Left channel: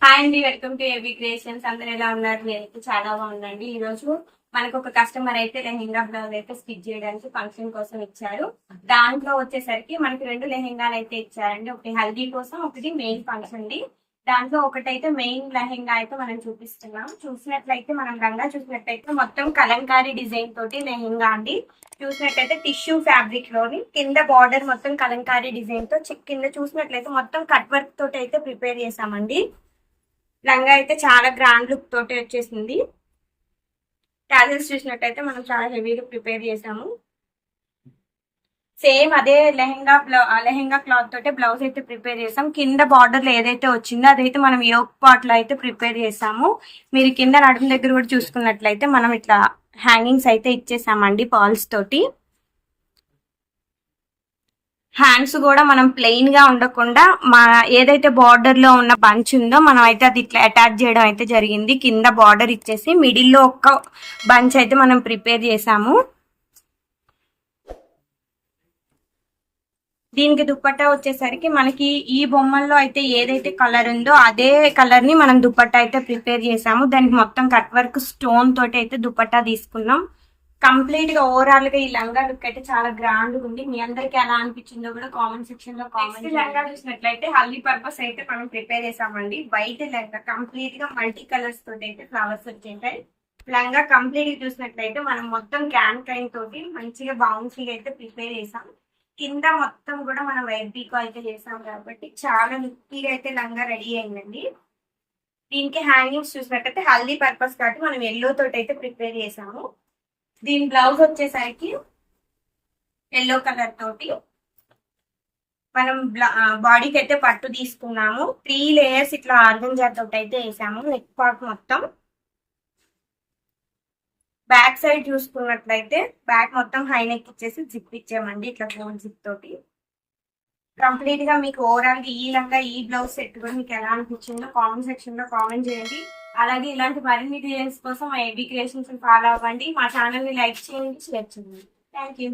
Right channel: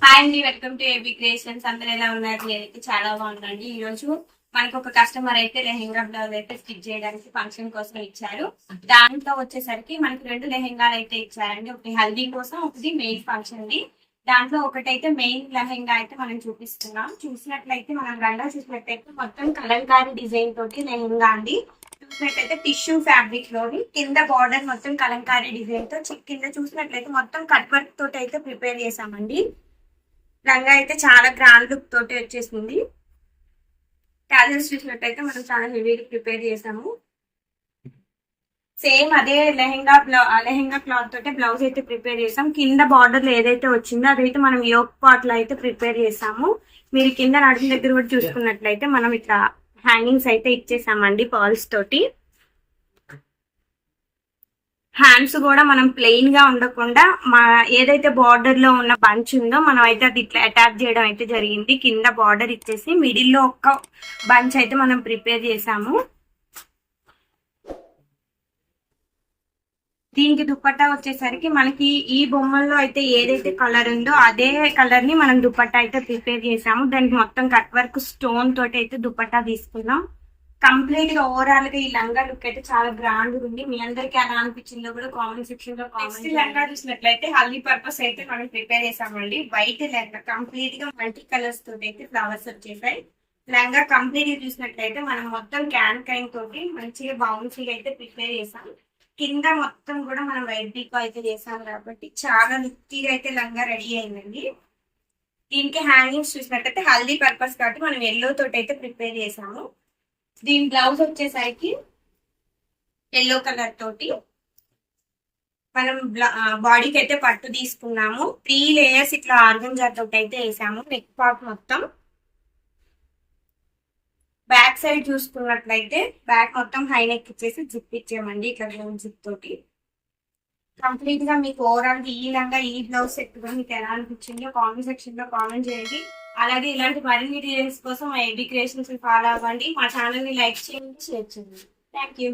Hi అండి, welcome to AB creations. అందరు ఎలా ఉన్నారు? నేనైతే చాలా బాగుందండి. ఈ రోజు మనకు ఒక కస్టమర్ అయితే లెహెంగా బ్లౌజ్ అయితే స్టిచ్ చేయడానికి ఫంక్షన్ కోసం ఇచ్చారు. దాంట్లో వచ్చేసరికి మనకి రెండు లెహెంగాలు అయితే ఇచ్చారండి. ఒకటి హల్దీ కోసం, ఒకటి మెయిన్ ఫంక్షన్ ది. దాంట్లో ఒకటైతే మెయిన్ లెహెంగా అయితే మనం చూపిస్తున్నాం. చూసినట్లయితే మనం లంగా చూసినట్లయితే మొత్తం కలంకారీ డిజైన్ తోటి లెహెంగా అండి. చూసినట్లయితే టిష్యూ ఫ్యాబ్రిక్ లోని కింద బార్డర్ మొత్తం కలంకారీ డిజైన్ తో కింద చూసినట్లయితే మొత్తం కట్ వర్క్ తోటి అయితే ప్రిపేర్ చేసామండి. లంగా అయితే చాలా గ్రాండ్ లుక్ తోటి వచ్చేసింది. టాజల్స్ చూసినట్టయితే మనం చాలా హెవీగా ప్రిపేర్ చేసాము. సేమ్ అదే లెహెంగా క్లాత్ తోటే బ్లౌజ్ అయితే ప్రిపేర్ చేసాం. కింద బార్డర్ ఏదైతే వచ్చిందో అదైతే మనం యోక్ పార్ట్ లో అయితే ప్రిపేర్ చేసాము. మీరు కింద నడుము దగ్గర కూడా చూసుకున్నట్లయితే మనం ఇట్లా హ్యాంగింగ్స్ అయితే ఇచ్చేసామండి పాల్స్ తోటి. హ్యాండ్స్ కూడా మనం ప్లెయిన్ గా ఉండకుండా ఏదైతే బార్డర్ లో ఉన్న బంచ్ ఉందో మనం అయితే అది ఇట్లా అటాచ్ చేయడం అయితే జరిగింది. కింద బార్డర్ ఇచ్చేసి మిడిల్ లో ఒక్క బంచ్ అయితే మనం ప్రిపేర్ చేసాము. దీనికి దుప్పట్టా వచ్చేసరికి మనకి ఈ బొమ్మల్లో అయితే ఏదైతే కలర్ ఉందో అదే కలర్ ని మనం దుప్పట్టా అయితే ప్రిపేర్ చేసాము. దానికి మొత్తం కట్ వర్క్ స్టోన్ తోటి అయితే దుప్పట్టా తీసుకున్నాం. కంప్లీట్ గా ఓవరాల్ గా ఈ లంగా లుక్ అయితే చాలా గ్రాండ్ ఉంది. మీ అందరికి ఎలా అనిపించిందో కూడా కామెంట్ సెక్షన్ లో కామెంట్. లంగా చూసినట్లయితే హల్దీ పర్పస్ అయితే మనం ప్రిపేర్ చేసామండి. వైట్ లంగా కంప్లీట్ గా మల్టీ కలర్స్ తోటి అయితే ఫ్లవర్స్ వచ్చేసాయి. లంగా కంప్లీట్ గా చూసినట్లయితే మనం మొత్తం క్యాన్ కైన్ తోటి మంచిగా బౌన్సీగా అయితే ప్రిపేర్ చేసాం. కింద మొత్తం కూడా మనం వైట్ పీకో అయితే చేసాం కాబట్టి చాలా లుక్గా అయితే లంగా రెడీ అయిందండి. దీనికి హ్యాంగింగ్స్ చూసినట్టయితే హల్దీ పర్పస్ కాబట్టి మనం ఎల్లో తోటి అయితే ప్రిపేర్ చేసాము. దీని బ్లౌజ్ వచ్చేసరికి ఎల్లో కలర్ తోటి మనం బాడీకి అయితే పట్టు తీసుకున్నాము. 3 లేయర్స్ ఇట్లా ఆర్గంజా తోటి అయితే వేసాము. నెక్ పార్ట్ మొత్తం బ్యాక్ సైడ్ చూసుకున్నట్లయితే బ్యాక్ మొత్తం హై నెక్ ఇచ్చేసి జిప్ ఇచ్చామండి. ఇట్లా గోల్డ్ జిప్ తోటి కంప్లీట్ గా మీకు ఓవరాల్ గా ఈ లంగా ఈ బ్లౌజ్ సెట్ కూడా మీకు ఎలా అనిపించిందో కామెంట్ సెక్షన్ లో కామెంట్ చేయండి. అలాగే ఇలాంటి మరిన్ని డీటెయిల్స్ కోసం మా ఏబీ క్రియేషన్స్ ఫాలో అవ్వండి. మా ఛానల్ ని లైక్ చేయండి, షేర్ చేయండి. Thank you.